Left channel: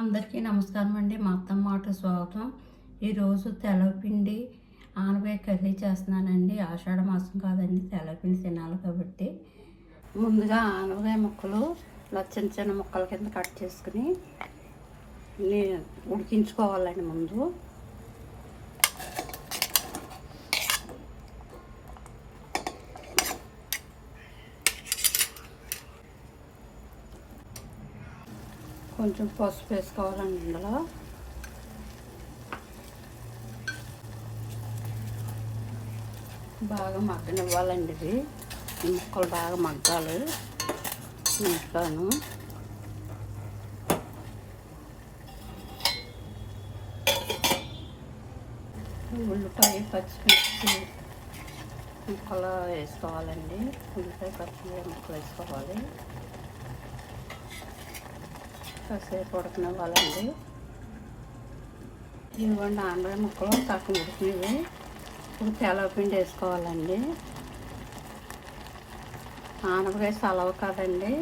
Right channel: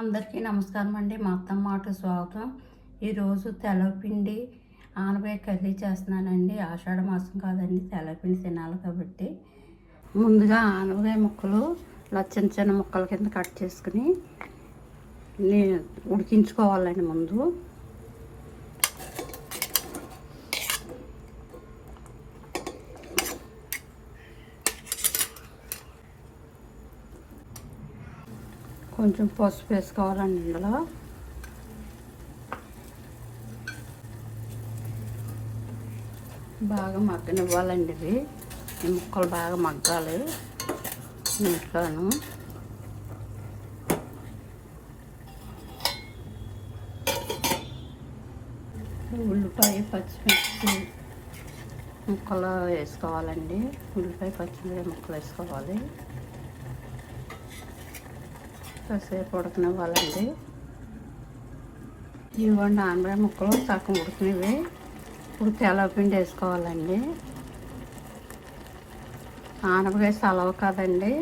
అందరికీ నమస్కారం అండి. మా అత్తమ్మ మాట స్వాగతం. ఈరోజు తెల్లపిండి ఆనపకాయ కర్రీ చేస్తున్నానండి. ఆషాఢ మాసం కాదండి, తెల్లపిండి తినాలి కాబట్టి ముందుగా ఆనపకాయ ముక్కలు ఇలా చిన్న చిన్న ముక్కల కింద కట్ చేసుకుని ఉడికించుకోవాలండి. ముందు కొంచెం పసుపు వేసుకోవాలండి. ఇందులో బాగా మగ్గనివ్వాలండి. ఇది ముక్కలు బాగా మగ్గాలి. మగ్గాను ఉల్లిపాయ పచ్చిమిర్చి ముక్కలు వేసుకోవాలండి. ఉల్లిపాయ పచ్చిమిర్చి ముక్కలు వేసుకోవాలి. కాసేపు ఉడకనివ్వాలండి. ఇవ్వండి ఆనపకాయ ముక్కలు సగం ఉడికినవి. ఇప్పుడు తెల్లపిండి వేసుకోవాలండి. ఆనపకాయ సలవ కాదండి,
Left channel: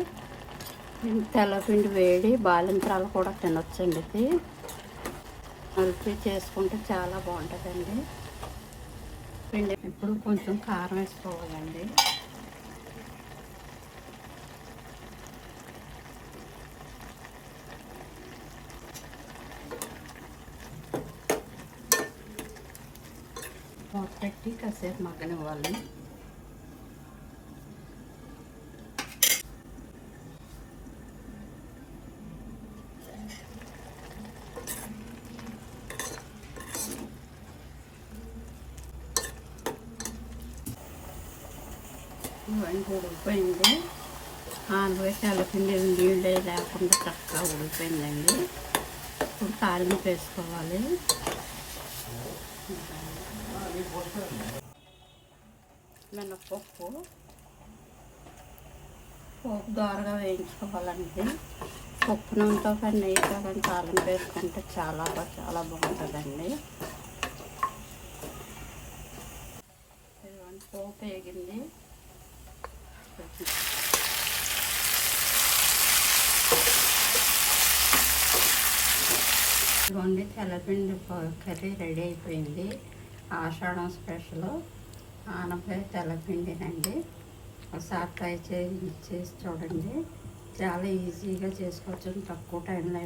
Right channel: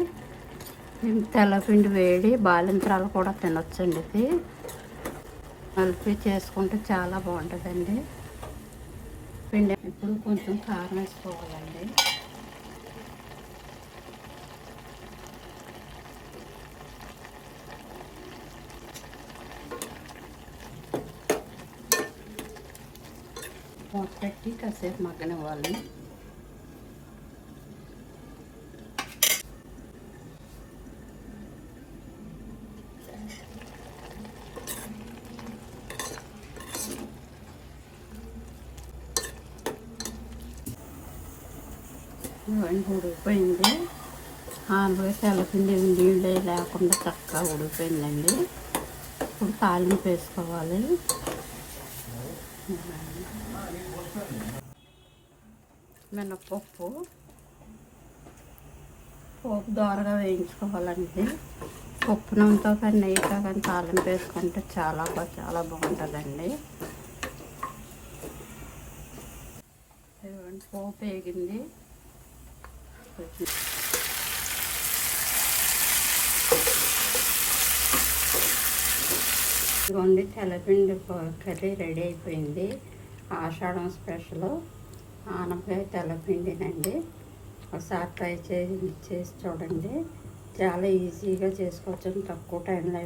తెల్లపిండి వేడి బాలింతరాలు కూడా తినొచ్చండి. ఇది కలిపి చేసుకుంటే చాలా బాగుంటుందండి. పిండి ఇప్పుడు కొంచెం కారం వేసుకోవాలండి. మూత పెట్టి కాసేపు మగ్గనివ్వాలి. ఉడికిపోయింది. ఆనపకాయ తెల్లపిండి నీళ్ళు లేకుండా చక్కగా ఉడికిపోయిందండి. ఇప్పుడు తాలింపు వేసుకోవాలి. మినపప్పు పోపు దోరగా వేయించుకోవాలండి. పప్పు నూనెతో నెయ్యి కానీ తాలింపు వేసుకుంటే చాలా బాగుంటుందండి. పోపు వేగింది. ఇదిగోండి తెల్లపిండి కర్రీ రెడీ అయిపోయింది. ఆషాఢం స్పెషల్ ఆనపకాయ తెల్లపిండినండి. ఒకసారి ట్రై చేసి చూడండి. చాలా ఈజీగా చేసుకోవచ్చు. తక్కువ టైంలో